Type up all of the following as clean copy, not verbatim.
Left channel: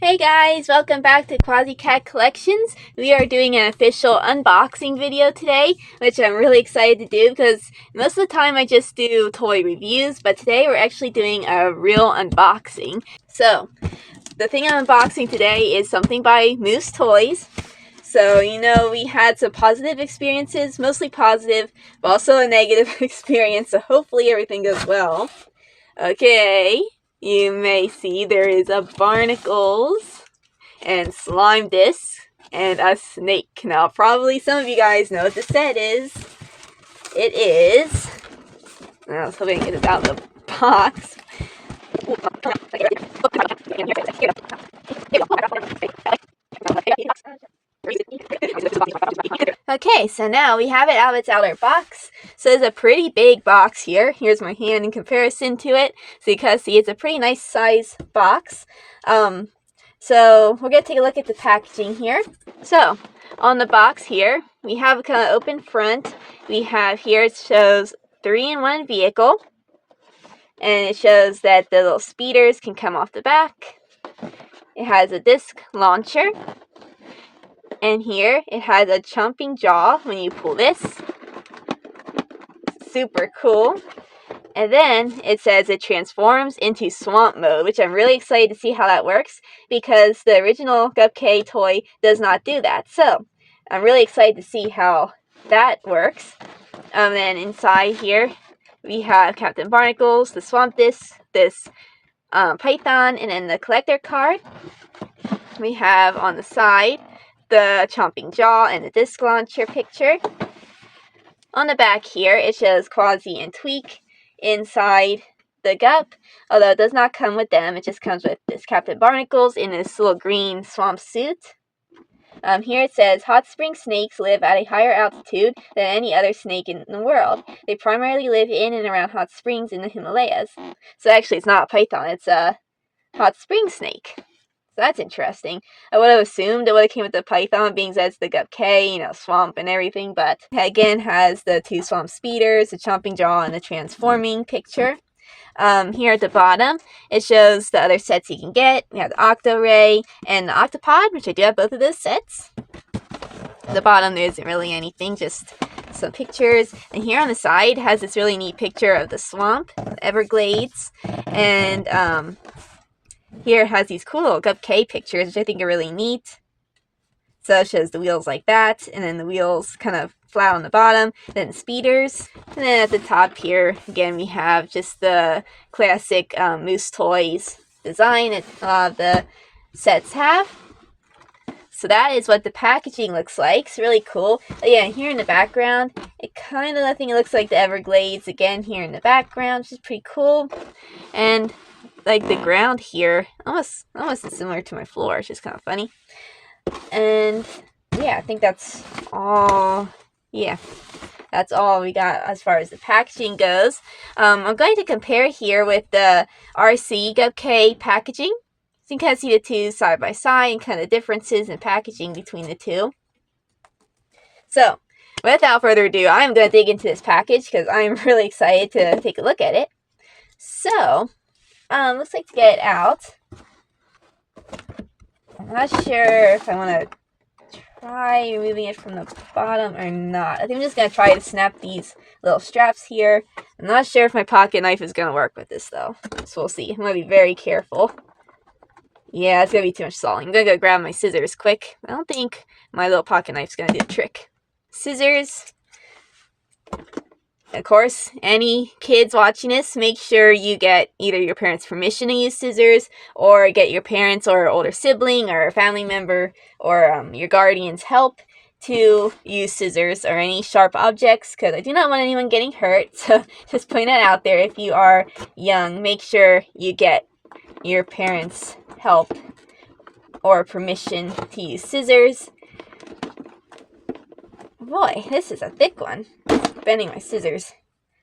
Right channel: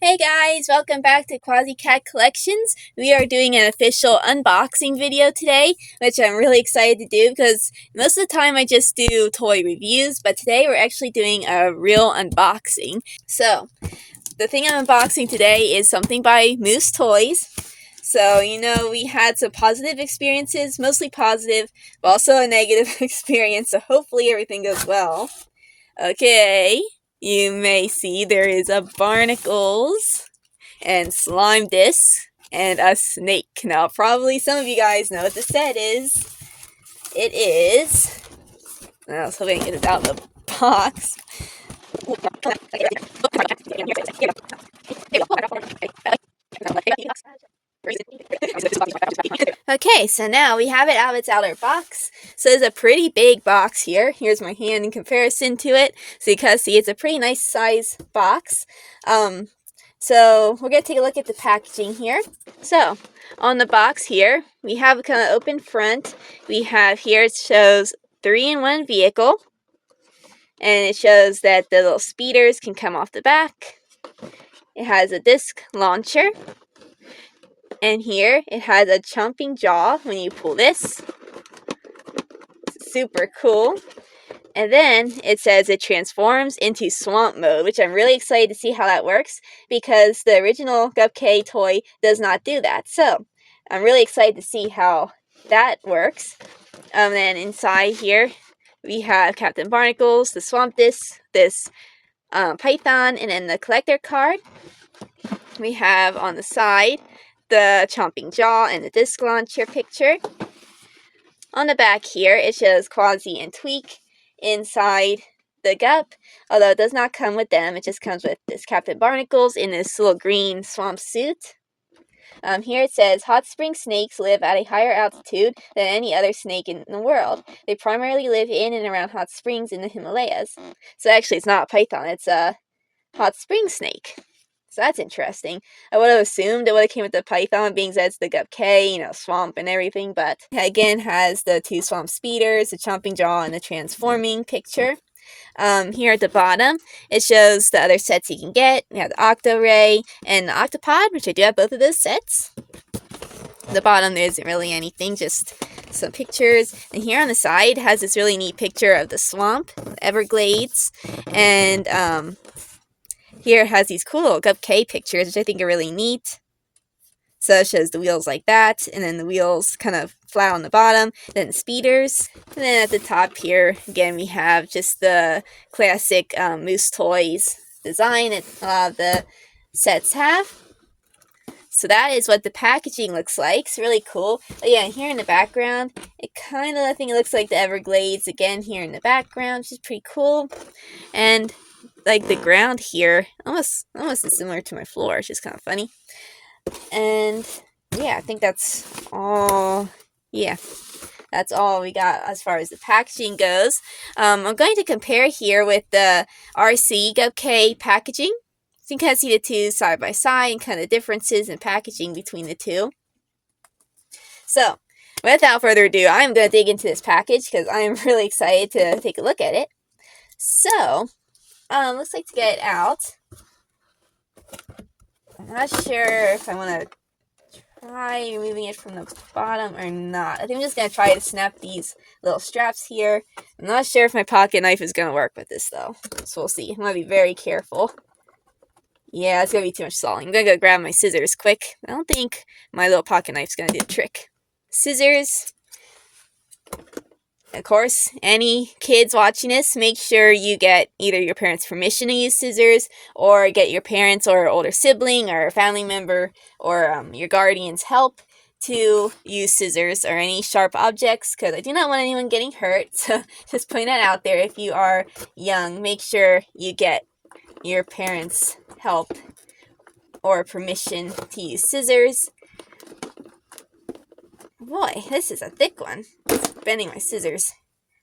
Hey guys, welcome back to Quasi Cat Collections. We are doing an official unboxing video today, which I'm really excited to do because most of the time I just do toy reviews, but today we're actually doing a real unboxing. So, the thing I'm unboxing today is something by Moose Toys. So, we had some positive experiences, mostly positive, but also a negative experience, so hopefully everything goes well. Okay, you may see there is a barnacles and slime disc and a snake. Now, probably some of you guys know what the set is. It is. I was hoping to get it out of the box. Okay, so now we have it out of its outer box. So it's a pretty big box here. Here's my hand in comparison to it. So you can see it's a pretty nice size box. So we're going to take a look at the packaging here. So on the box here, we have a kind of open front. We have here, it shows 3-in-1 vehicle. And it shows that the little speeders can come off the back. It has a disc launcher. And here it has a chomping jaw when you pull this. Super cool. And then it says it transforms into swamp mode, which I'm really excited to see how that works because the original Gup K toy does not do that. So I'm really excited to see how that works. Then inside here we have Captain Barnacles, the swamp disc, this python, and then the collector card. We have on the side the chomping jaw and the disc launcher picture. On the back here it shows Quasi and Tweak inside the Gup, although it does not come with them. It just comes with this Captain Barnacles in this little green swamp suit. Here it says, hot spring snakes live at a higher altitude than any other snake in the world. They primarily live in and around hot springs in the Himalayas. So actually it's not a python, it's a hot spring snake. So that's interesting. I would have assumed it would have came with the python, being that it's the Gup K, swamp and everything, but it again has the 2 swamp speeders, the chomping jaw, and the transforming picture. Here at the bottom, it shows the other sets you can get. We have the Octo Ray and the Octopod, which I do have both of those sets. At the bottom, there isn't really anything, just some pictures. And here on the side has this really neat picture of the swamp, the Everglades, and here it has these cool little Gup K pictures, which I think are really neat. So it shows the wheels like that, and then the wheels kind of flat on the bottom, then speeders. And then at the top here, again, we have just the classic Moose Toys design that a lot of the sets have. So that is what the packaging looks like. It's really cool. But yeah, here in the background, it kind of, I think it looks like the Everglades again here in the background, which is pretty cool. And like the ground here, almost similar to my floor, which is kind of funny. And yeah, I think that's all. Yeah, that's all we got as far as the packaging goes. I'm going to compare here with the RC Gup K packaging. So you can kind of see the two side by side and kind of differences in packaging between the two. So without further ado, I'm going to dig into this package because I'm really excited to take a look at it. So looks like to get it out. I'm not sure if I want to try removing it from the bottom or not. I think I'm just going to try to snap these little straps here. I'm not sure if my pocket knife is going to work with this though. So we'll see. I'm going to be very careful. Yeah, it's going to be too much sawing. I'm going to go grab my scissors quick. I don't think my little pocket knife is going to do the trick. Scissors. Of course, any kids watching this, make sure you get either your parents' permission to use scissors or get your parents or older sibling or family member or your guardian's help to use scissors or any sharp objects because I do not want anyone getting hurt. So just putting that out there. If you are young, make sure you get your parents' help or permission to use scissors. Boy, this is a thick one. It's bending my scissors.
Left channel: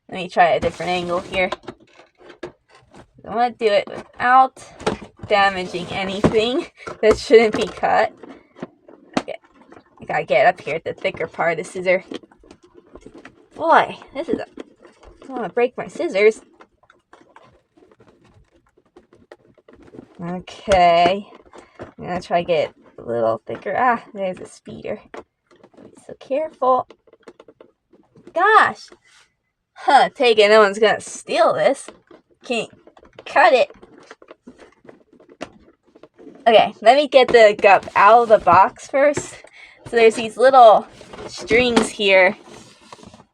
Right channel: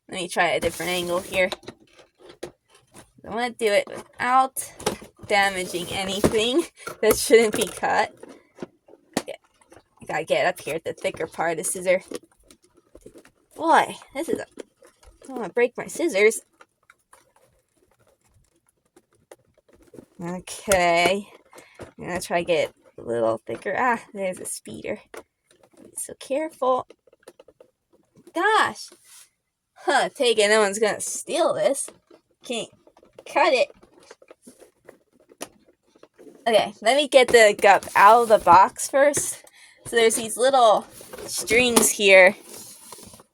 Let me try a different angle here. I want to do it without damaging anything that shouldn't be cut. Okay. I gotta get up here at the thicker part of the scissor. Boy, this is I don't want to break my scissors. Okay. I'm gonna try to get a little thicker. Ah, there's a speeder. Be so careful. Gosh! Huh, take it, no one's gonna steal this. Can't cut it. Okay, let me get the Gup out of the box first. So there's these little strings here.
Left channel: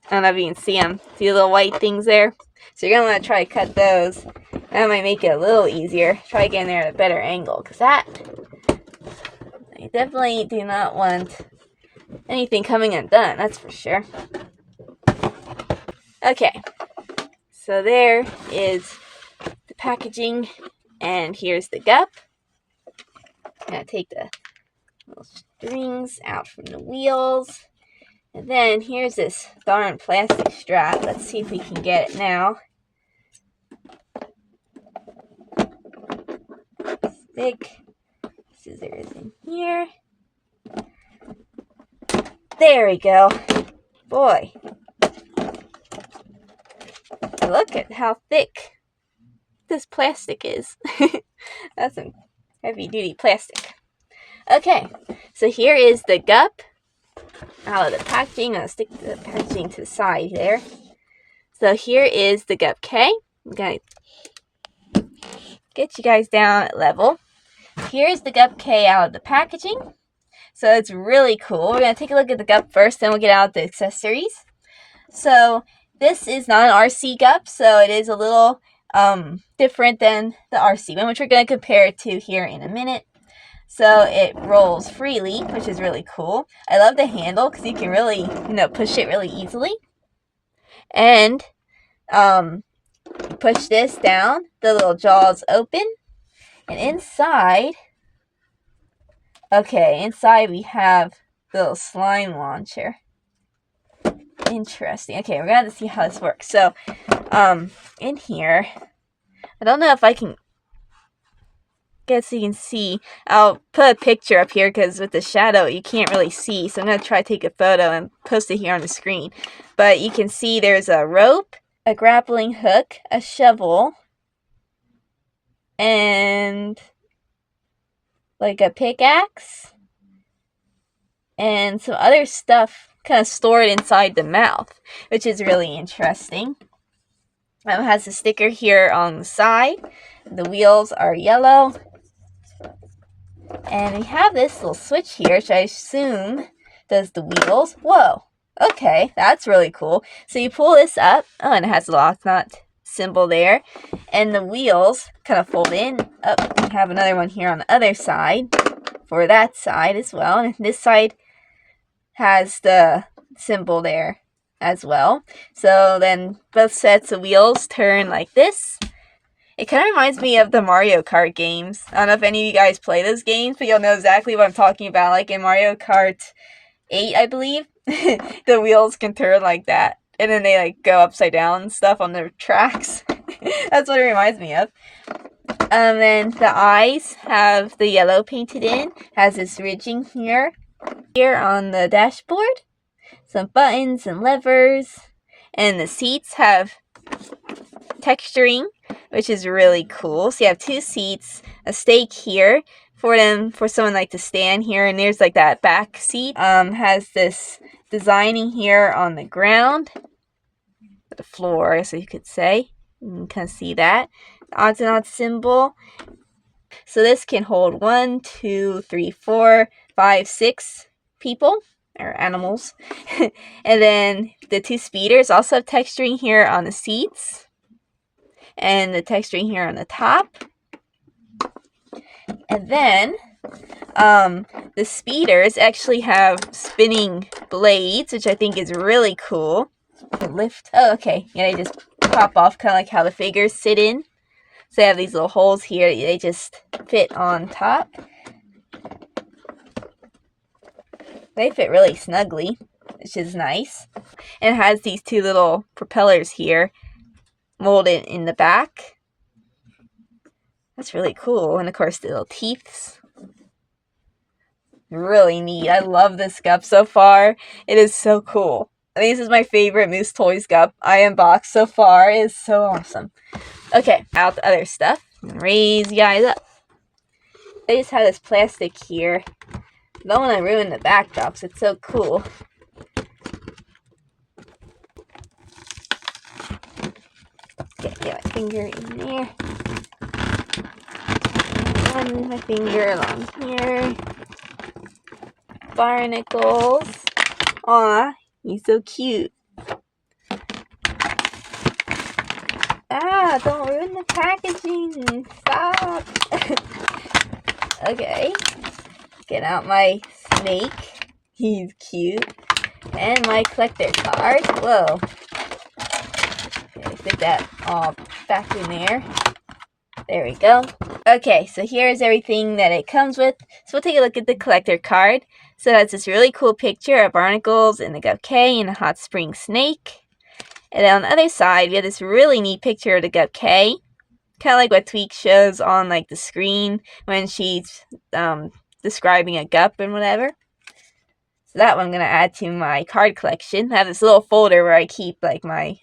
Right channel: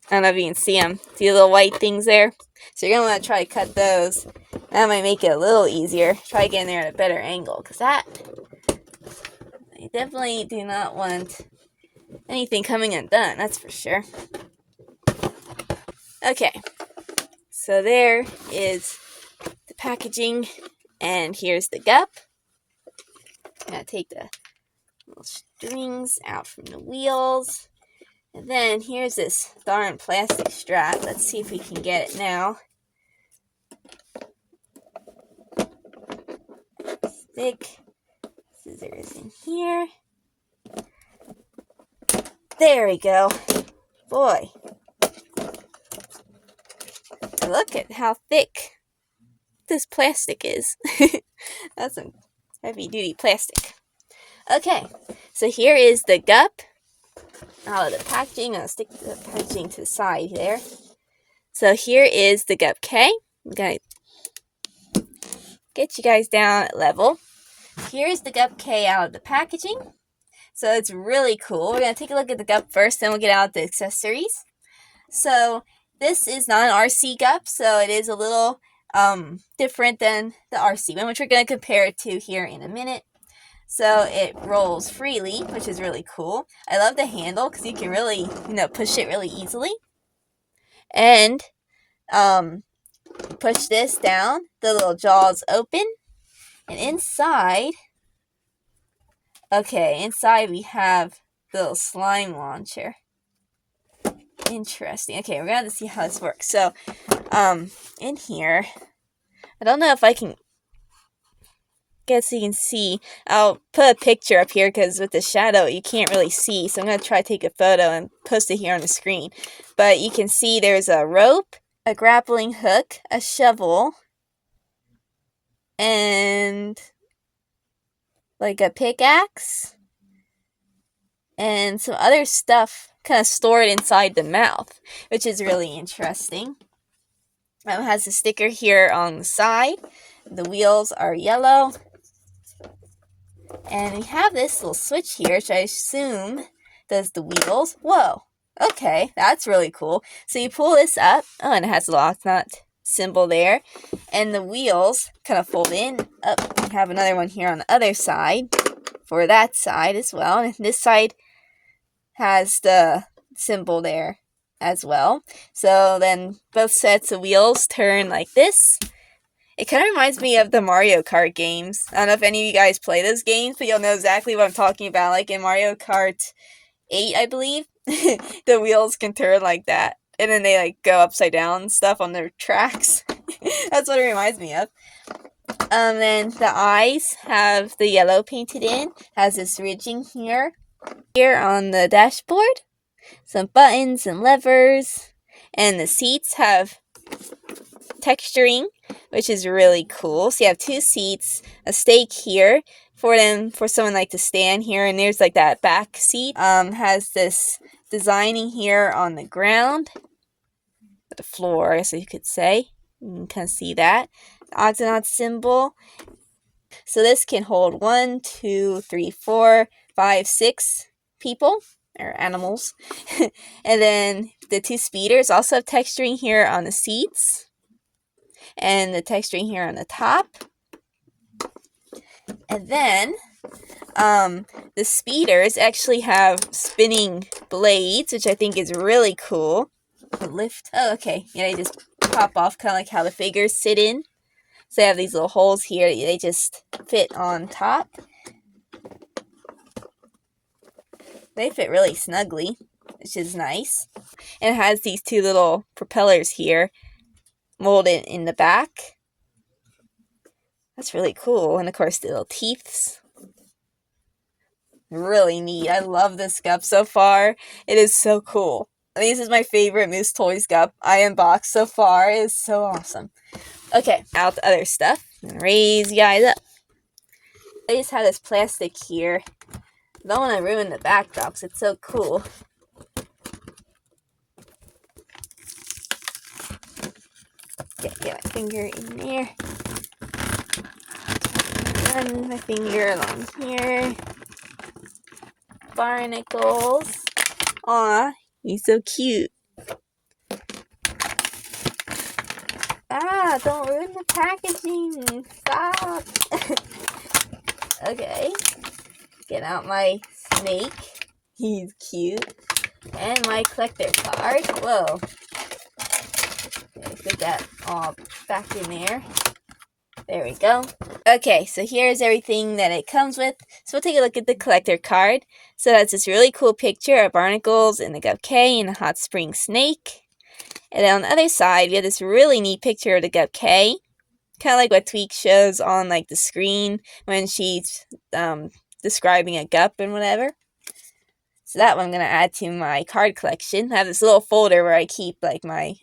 I don't know if you can see them. See the little white things there? So you're going to want to try to cut those. That might make it a little easier. Try getting there at a better angle. Because that, I definitely do not want anything coming undone. That's for sure. Okay. So there is the packaging. And here's the Gup. I'm going to take the little strings out from the wheels. And then here's this darn plastic strap. Let's see if we can get it now. Stick scissors in here. There we go. Boy. Look at how thick this plastic is. That's some heavy duty plastic. Okay, so here is the Gup out of the packaging. I'll stick the packaging to the side there. So here is the Gup K. I'm going to get you guys down at level. Here's the Gup K out of the packaging. So it's really cool. We're going to take a look at the Gup first, then we'll get out the accessories. So this is not an RC Gup, so it is a little different than the RC one, which we're going to compare it to here in a minute. So it rolls freely, which is really cool. I love the handle because you can really, push it really easily. And push this down, the little jaws open. And inside we have the little slime launcher. Interesting. Okay, we're going to have to see how this works. So, in here, I don't know if I can get so you can see. I'll put a picture up here because with the shadow, you can't really see. So I'm going to try to take a photo and post it here on the screen. But you can see there's a rope, a grappling hook, a shovel, and like a pickaxe, and some other stuff kind of stored inside the mouth, which is really interesting. It has a sticker here on the side. The wheels are yellow. And we have this little switch here, which I assume does the wheels. Whoa. Okay, that's really cool. So you pull this up. Oh, and it has a Octonaut symbol there. And the wheels kind of fold in. Up. We have another one here on the other side for that side as well. And this side has the symbol there as well. So then both sets of wheels turn like this. It kind of reminds me of the Mario Kart games. I don't know if any of you guys play those games, but you'll know exactly what I'm talking about. Like in Mario Kart 8, I believe, the wheels can turn like that. And then they like go upside down and stuff on the tracks. That's what it reminds me of. Then the eyes have the yellow painted in. Has this ridging here on the dashboard. Some buttons and levers. And the seats have texturing, which is really cool. So you have two seats, a stake here for someone like to stand here, and there's like that back seat. Has this designing here on the ground, the floor, so you could say. You can kind of see that. The Octonaut symbol. So this can hold 1, 2, 3, 4, 5, 6 people or animals. And then the two speeders also have texturing here on the seats. And the texturing here on the top. And then the speeders actually have spinning blades, which I think is really cool. They lift. Oh, okay. Yeah, they just pop off, kind of like how the figures sit in. So they have these little holes here. They just fit on top. They fit really snugly, which is nice. And it has these two little propellers here molded in the back. That's really cool. And of course the little teeths. Really neat. I love this Gup so far. It is so cool. I think this is my favorite Moose Toys Gup I unboxed so far. It is so awesome. Okay, out the other stuff. I'm gonna raise you guys up. They just have this plastic here. Don't want to ruin the backdrop, so it's so cool. Okay, get my finger in there. Run my finger along here. Barnacles. Aw, he's so cute. Ah, don't ruin the packaging. Stop. Okay. Get out my snake. He's cute. And my collector card. Whoa. Okay, fit that all back in there. There we go. Okay, so here's everything that it comes with. So we'll take a look at the collector card. So that's this really cool picture of barnacles and the Gup K and a hot spring snake. And then on the other side, we have this really neat picture of the Gup K. Kind of like what Tweak shows on like the screen when she's describing a gup and whatever. So that one I'm going to add to my card collection. I have this little folder where I keep like my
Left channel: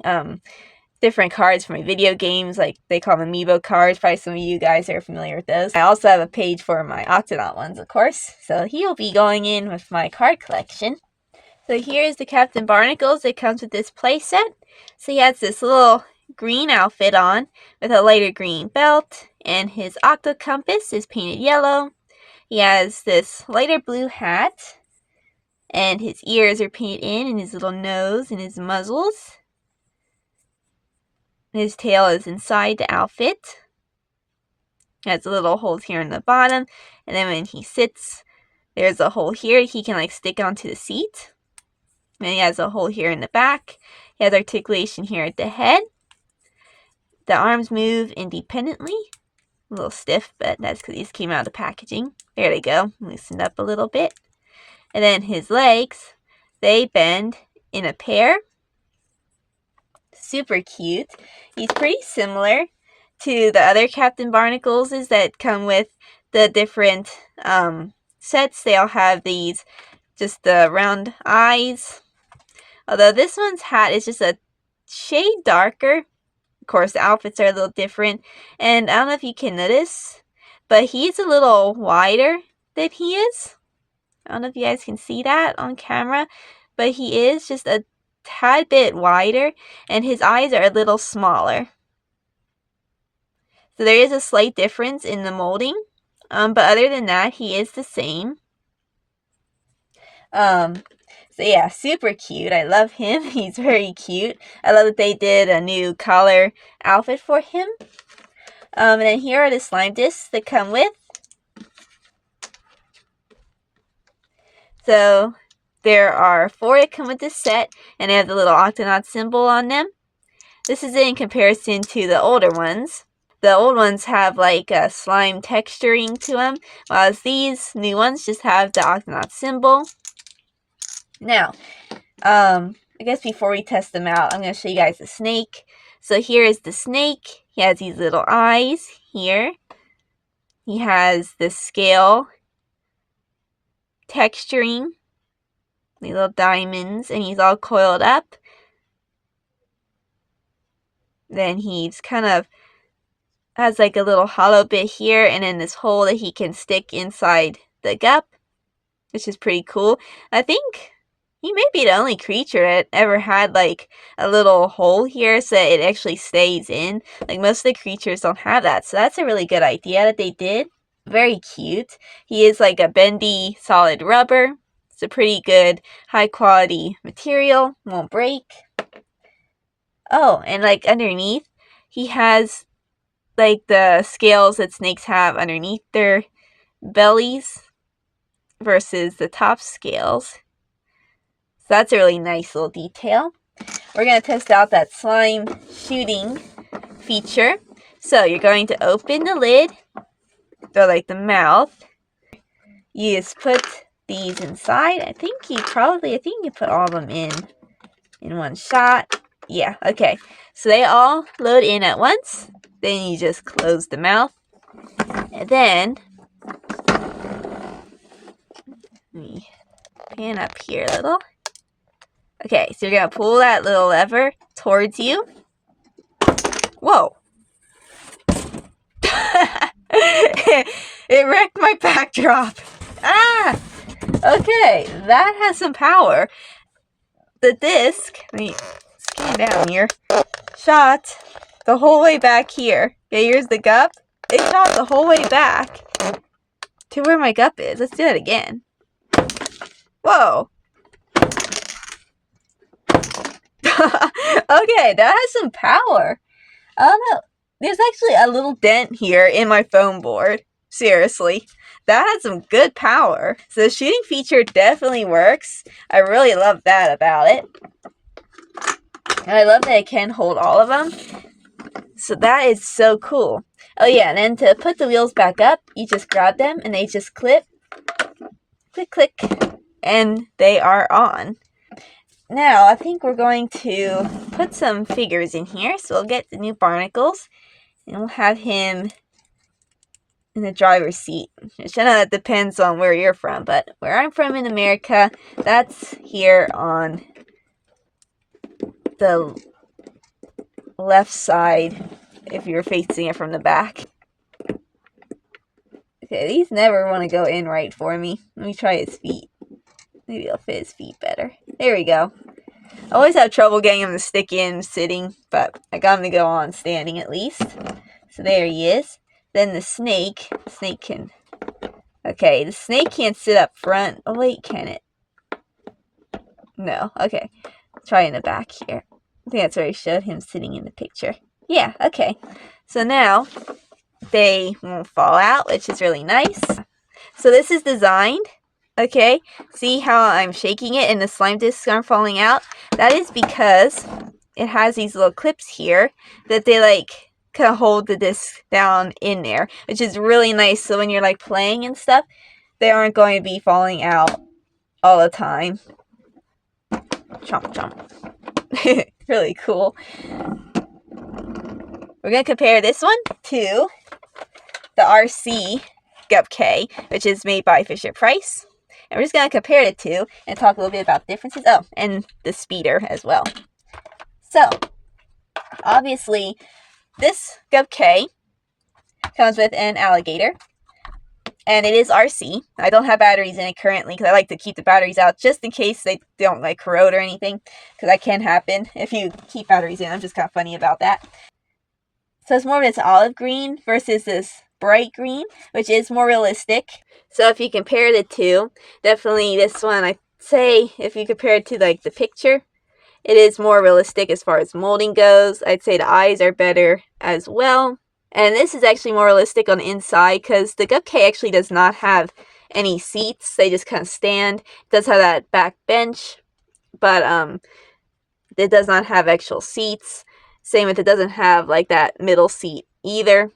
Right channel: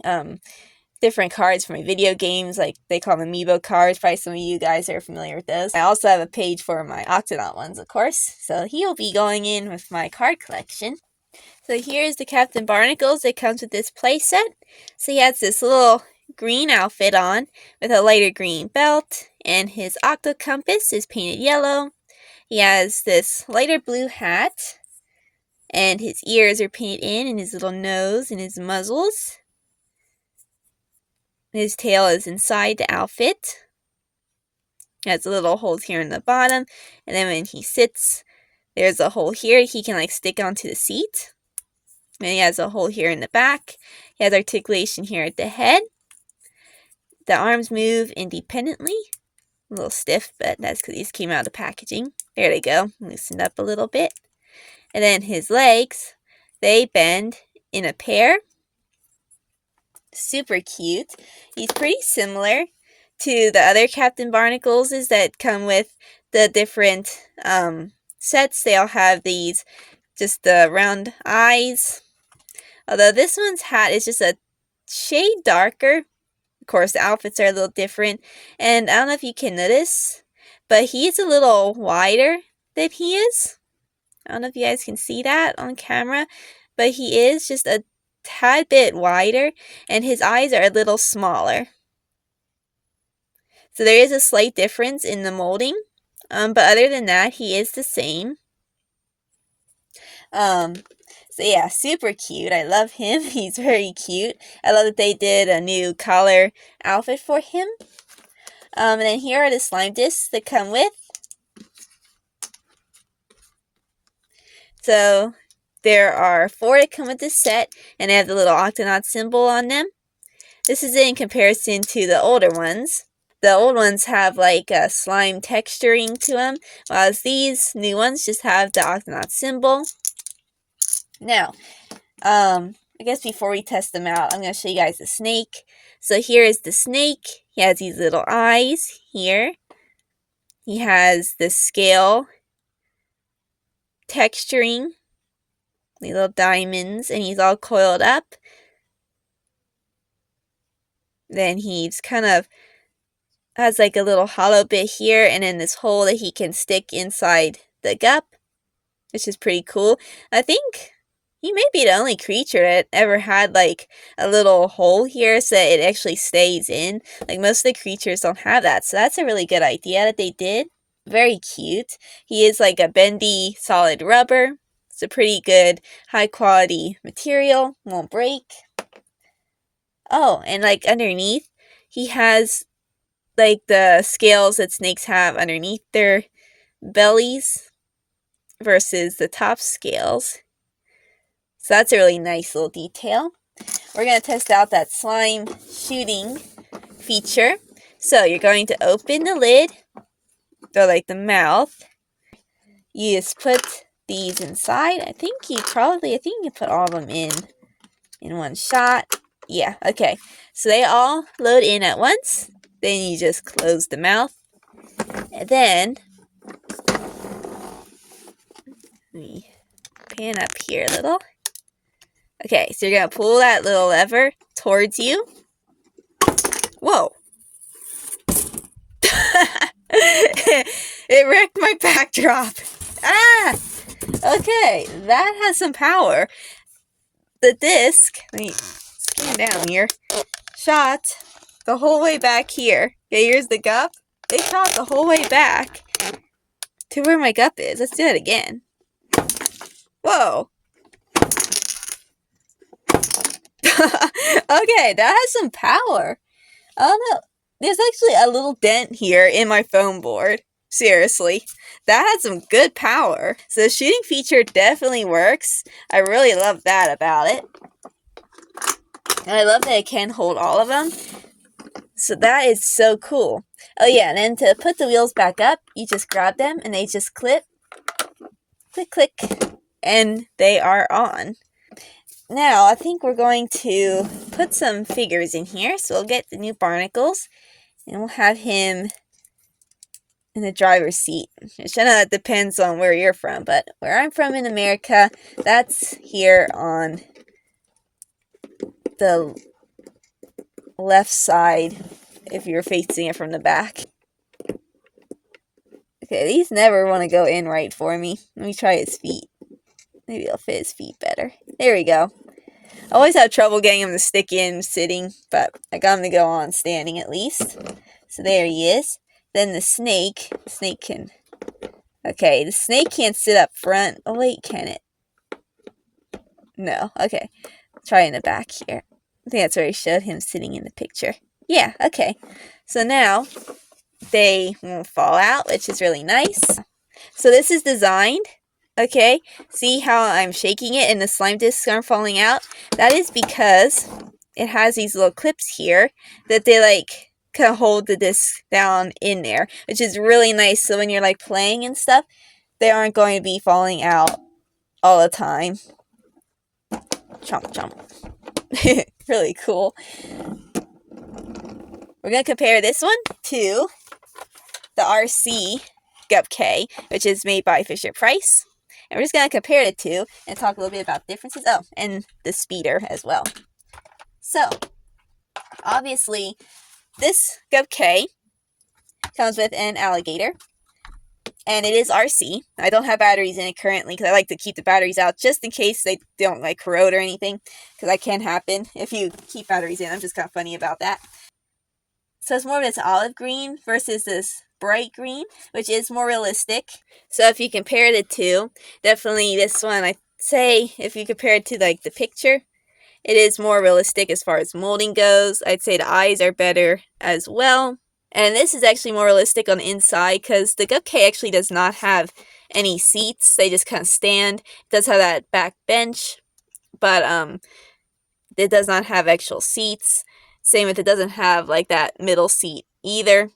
different cards for my video games, like they call them amiibo cards. Probably some of you guys are familiar with those. I also have a page for my Octonaut ones, of course. So he'll be going in with my card collection. So here's the Captain Barnacles. It comes with this play set. So he has this little green outfit on with a lighter green belt, and his octo compass is painted yellow. He has this lighter blue hat, and his ears are painted in, and his little nose and his muzzles. His tail is inside the outfit. He has little holes here in the bottom, and then when he sits, there's a hole here he can like stick onto the seat. And he has a hole here in the back. He has articulation here at the head. The arms move independently. A little stiff, but that's because these came out of the packaging. There they go. Loosened up a little bit. And then his legs, they bend in a pair. Super cute. He's pretty similar to the other Captain Barnacles that come with the different sets. They all have these, just the round eyes. Although this one's hat is just a shade darker. Of course, the outfits are a little different. And I don't know if you can notice, but he's a little wider than he is. I don't know if you guys can see that on camera, but he is just a tad bit wider, and his eyes are a little smaller. So there is a slight difference in the molding, but other than that, he is the same. So yeah, super cute. I love him. He's very cute. I love that they did a new collar outfit for him. And then here are the slime discs that come with. So there are 4 that come with this set, and they have the little Octonaut symbol on them. This is in comparison to the older ones. The old ones have like a slime texturing to them, while these new ones just have the Octonaut symbol. Now, I guess before we test them out, I'm going to show you guys the snake. So here is the snake. He has these little eyes here. He has the scale texturing, these little diamonds, and he's all coiled up. Then he's kind of has like a little hollow bit here, and then this hole that he can stick inside the gup, which is pretty cool. I think he may be the only creature that ever had like a little hole here so that it actually stays in. Like most of the creatures don't have that, so that's a really good idea that they did. Very cute. He is like a bendy solid rubber. It's a pretty good high quality material, won't break. Oh, and like underneath, he has like the scales that snakes have underneath their bellies versus the top scales. So that's a really nice little detail. We're going to test out that slime shooting feature. So you're going to open the lid, or like the mouth. You just put these inside. I think you can put all of them in one shot. Yeah, okay. So they all load in at once. Then you just close the mouth. And then, let me pan up here a little. Okay, so you're going to pull that little lever towards you. Whoa. It It wrecked my backdrop. Ah! Okay, that has some power. The disc, let me scan down here, shot the whole way back here. Okay, here's the Gup. It shot the whole way back to where my Gup is. Let's do it again. Whoa. Okay, that has some power. I don't know. There's actually a little dent here in my foam board. Seriously. That had some good power. So the shooting feature definitely works. I really love that about it. And I love that it can hold all of them. So that is so cool. Oh yeah, and then to put the wheels back up, you just grab them and they just clip. Click, click. And they are on. Now, I think we're going to put some figures in here. So we'll get the new barnacles. And we'll have him in the driver's seat. Which I know that depends on where you're from. But where I'm from in America, that's here on the left side if you're facing it from the back. Okay, these never want to go in right for me. Let me try his feet. Maybe it'll fit his feet better. There we go. I always have trouble getting him to stick in sitting, but I got him to go on standing at least. So there he is. Then the snake can... Okay, the snake can't sit up front. Oh wait, can it? No, okay. Try in the back here. I think that's where I showed him sitting in the picture. Yeah, okay. So now, they won't fall out, which is really nice. So this is designed... Okay, see how I'm shaking it and the slime discs aren't falling out? That is because it has these little clips here that they like kind of hold the disc down in there, which is really nice. So when you're like playing and stuff, they aren't going to be falling out all the time. Chomp, chomp. Really cool. We're going to compare this one to the RC Gup K, which is made by Fisher-Price. And we're just going to compare the two and talk a little bit about differences. Oh, and the speeder as well. So, obviously, this Gup K comes with an alligator. And it is RC. I don't have batteries in it currently because I like to keep the batteries out just in case they don't like corrode or anything. Because that can happen if you keep batteries in. I'm just kind of funny about that. So it's more of this olive green versus this bright green, which is more realistic. So if you compare the two, definitely this one, I'd say, if you compare it to like the picture, it is more realistic as far as molding goes. I'd say the eyes are better as well. And this is actually more realistic on the inside because the Gup K actually does not have any seats. They just kind of stand. It does have that back bench, but it does not have actual seats. Same with it doesn't have like that middle seat either.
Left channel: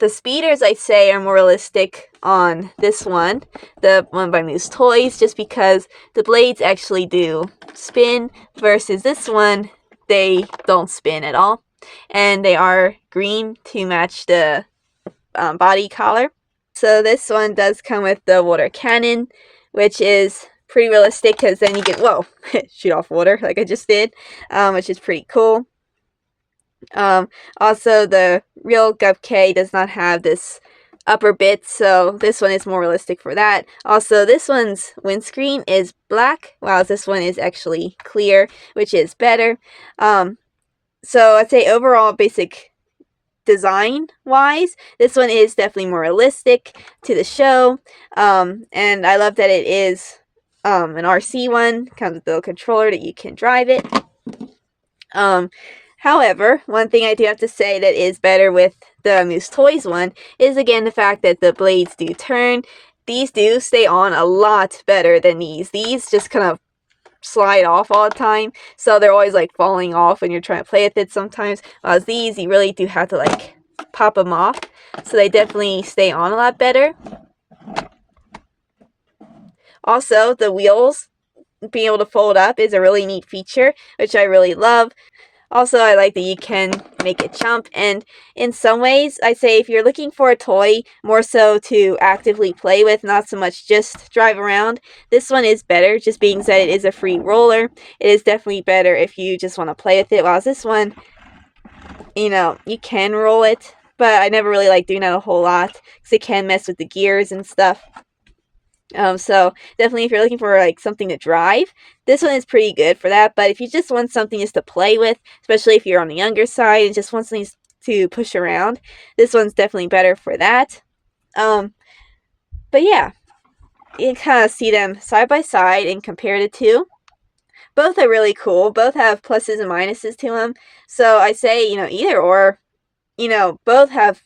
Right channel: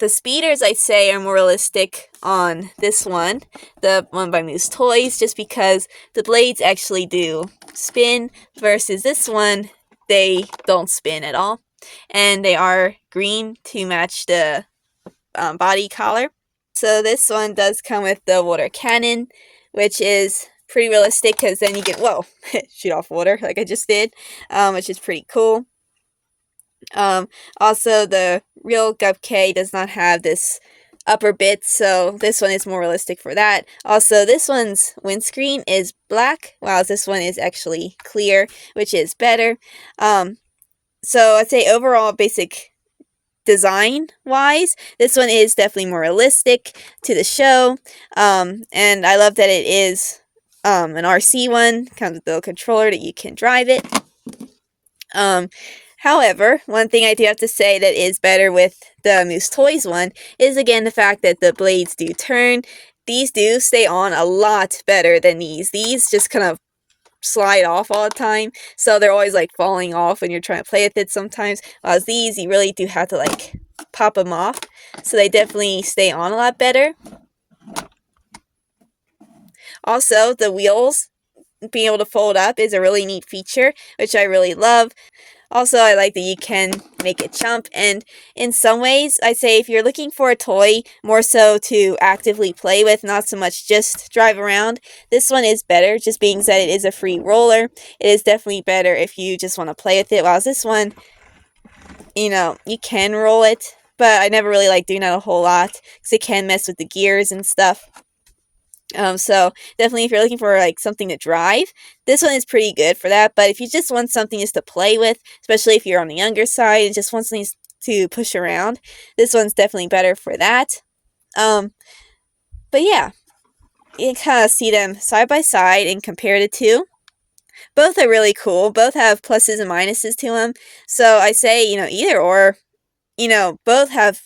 The speeders, I'd say, are more realistic on this one, the one by Moose Toys, just because the blades actually do spin, versus this one, they don't spin at all. And they are green to match the body color. So this one does come with the water cannon, which is pretty realistic because then you get, whoa, shoot off water like I just did, which is pretty cool. Also, the real Gup K does not have this upper bit, so this one is more realistic for that. Also, this one's windscreen is black, while this one is actually clear, which is better. So I'd say overall basic design-wise, this one is definitely more realistic to the show. And I love that it is an RC one, comes with the little controller that you can drive it. However, one thing I do have to say that is better with the Moose Toys one is, again, the fact that the blades do turn. These do stay on a lot better than these. These just kind of slide off all the time, so they're always like falling off when you're trying to play with it sometimes. Whereas these, you really do have to like pop them off, so they definitely stay on a lot better. Also, the wheels being able to fold up is a really neat feature, which I really love. Also, I like that you can make it jump, and in some ways, I say if you're looking for a toy more so to actively play with, not so much just drive around, this one is better, just being said it is a free roller. It is definitely better if you just want to play with it, while this one, you know, you can roll it, but I never really like doing that a whole lot because it can mess with the gears and stuff. So definitely if you're looking for like something to drive, this one is pretty good for that. But if you just want something just to play with, especially if you're on the younger side and just want something to push around, this one's definitely better for that. But yeah, you can kind of see them side by side and compare the two. Both are really cool. Both have pluses and minuses to them. So I say, either or, both have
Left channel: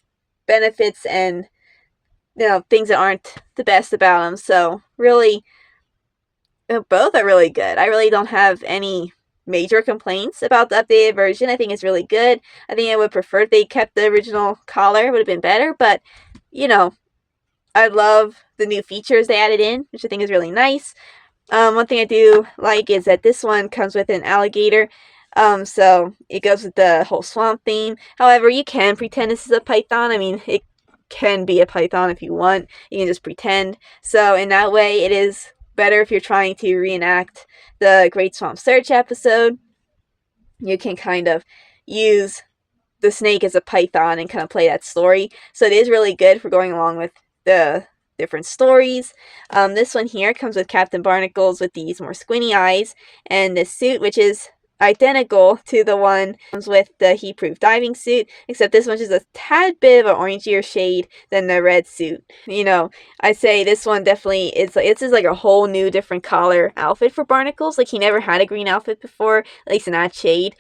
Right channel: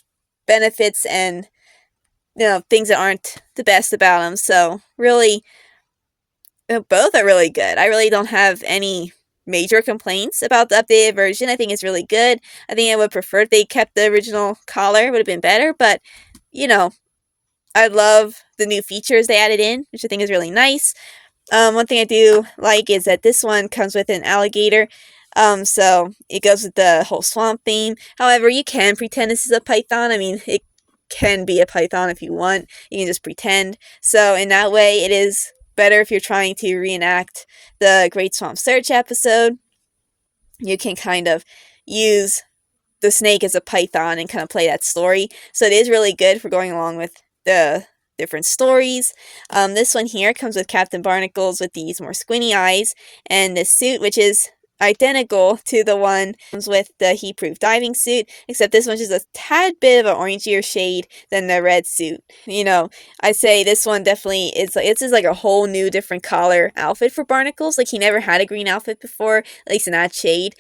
benefits and, things that aren't the best about them. So really, both are really good. I really don't have any major complaints about the updated version. I think it's really good. I think I would prefer if they kept the original collar. It would have been better. But, I love the new features they added in, which I think is really nice. One thing I do like is that this one comes with an alligator. So it goes with the whole swamp theme. However, you can pretend this is a python. I mean, it can be a python if you want. You can just pretend. So in that way, it is better if you're trying to reenact the Great Swamp Search episode. You can kind of use the snake as a python and kind of play that story. So it is really good for going along with the different stories. This one here comes with Captain Barnacles with these more squinty eyes, and this suit, which is identical to the one comes with the heat-proof diving suit, except this one's just a tad bit of an orangier shade than the red suit. I say this one definitely it's just like a whole new different color outfit for Barnacles. Like he never had a green outfit before, at least in that shade.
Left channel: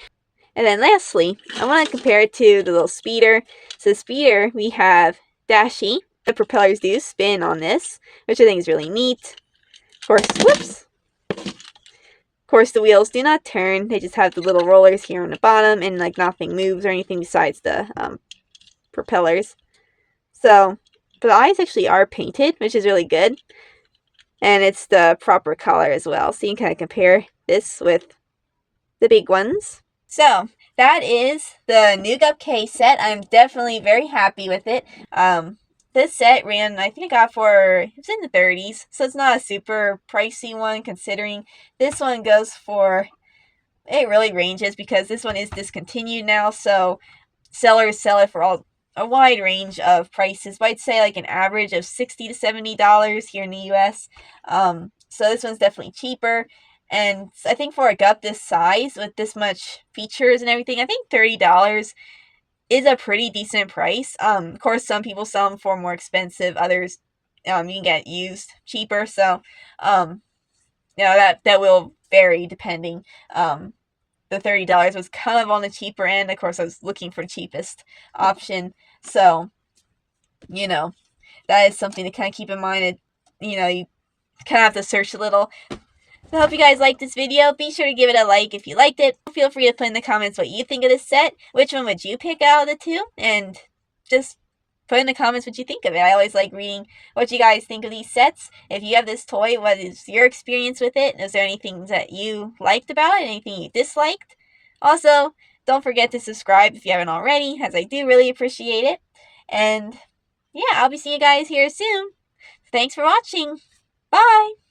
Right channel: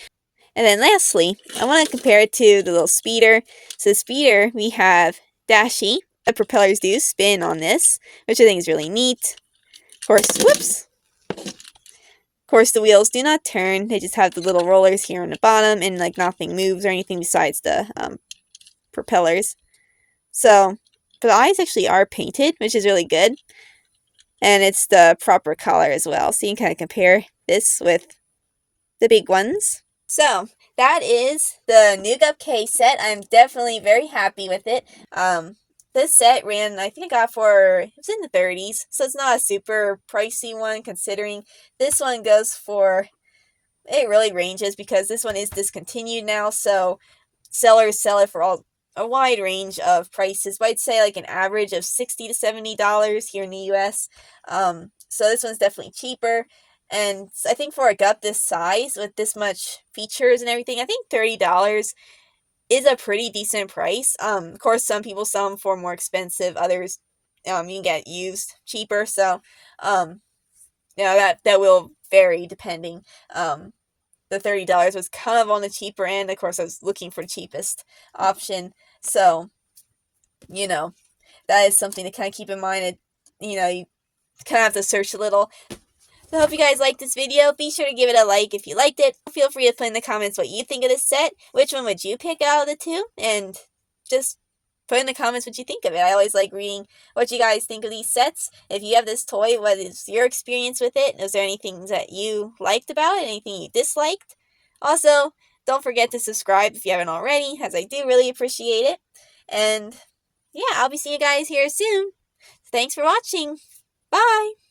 And then lastly, I want to compare it to the little speeder. So the speeder, we have Dashy. The propellers do spin on this, which I think is really neat. Of course, whoops. Of course, the wheels do not turn. They just have the little rollers here on the bottom, and like nothing moves or anything besides the propellers. So, but the eyes actually are painted, which is really good. And it's the proper color as well. So you can kind of compare this with the big ones. So, that is the new Gup K set. I'm definitely very happy with it. This set ran, I think I got it was in the 30s, so it's not a super pricey one considering this one goes for, it really ranges because this one is discontinued now, so sellers sell it for a wide range of prices, but I'd say like an average of $60 to $70 here in the US. So this one's definitely cheaper. And I think for a Gup this size with this much features and everything, I think $30 is a pretty decent price. Of course, some people sell them for more expensive. Others, you can get used cheaper. So, that will vary depending. The $30 was kind of on the cheaper end. Of course, I was looking for the cheapest option. So, that is something to kind of keep in mind. And, you kind of have to search a little. So I hope you guys liked this video. Be sure to give it a like if you liked it. Feel free to put in the comments what you think of this set. Which one would you pick out of the two? And just put in the comments what you think of it. I always like reading what you guys think of these sets. If you have this toy, what is your experience with it? Is there anything that you liked about it? Anything you disliked? Also, don't forget to subscribe if you haven't already, as I do really appreciate it. And yeah, I'll be seeing you guys here soon. Thanks for watching. Bye!